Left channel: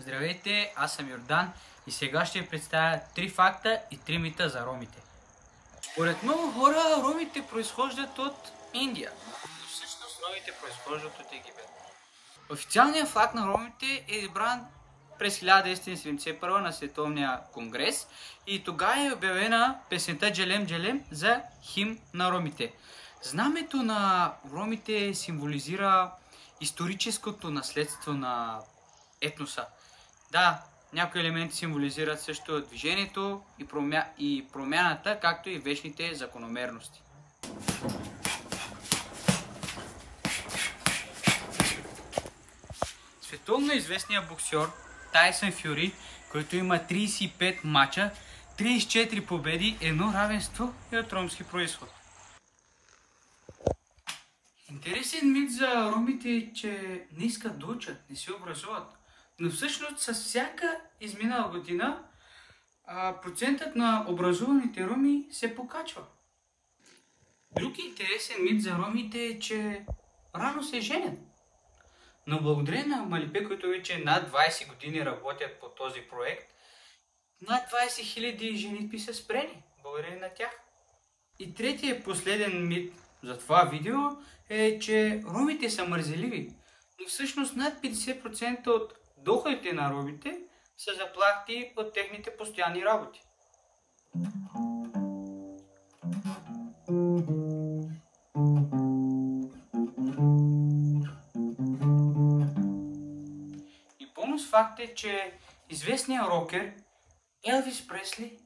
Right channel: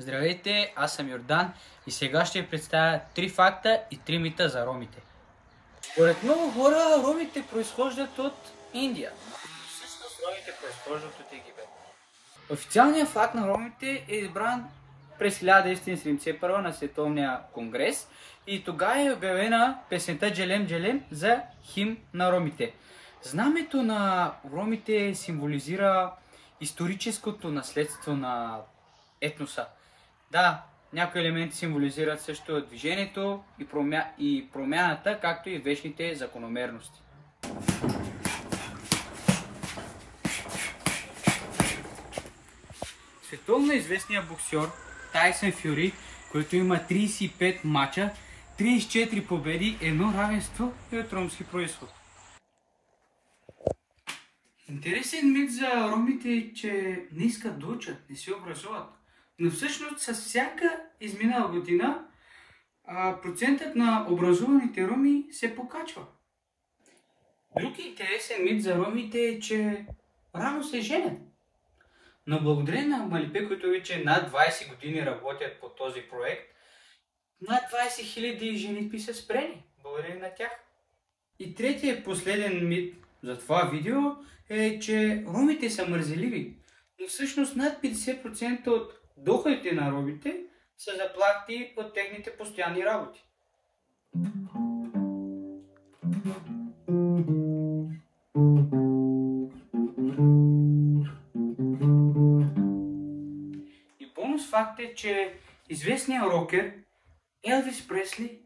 Здравейте, аз съм Йордан и сега ще ви представя 3 факта и 3 мита за ромите. Според много хора, ромите произхождат от Индия. Всъщност ромите произхождат от Египет. Официалният факт на ромите е избран през 1971 на Световния конгрес и тогава е обявена песента Джелем Джелем за химн на ромите. Знамето на ромите символизира историческото наследство на етноса. Да, някои елементи символизират също движението и промяната, както и вечните закономерности. Световно известният боксер Тайсън Фюри, който има 35 мача, 34 победи, едно равенство и от ромски произход. Интересен мит за ромите е, че не искат да учат, не се образуват. Но всъщност с всяка изминала година процентът на образуваните роми се покачва. Друг интересен мит за ромите е, че рано се женят. Но благодарение на Малипе, които вече над 20 години работят по този проект, над 20 000 женитби са спрени. Благодарение на тях. И третия последен мит за това видео е, че ромите са мързеливи. Но всъщност над 50% от доходите на ромите са заплати от техните постоянни работи. И бонус факт е, че известният рокер Елвис Пресли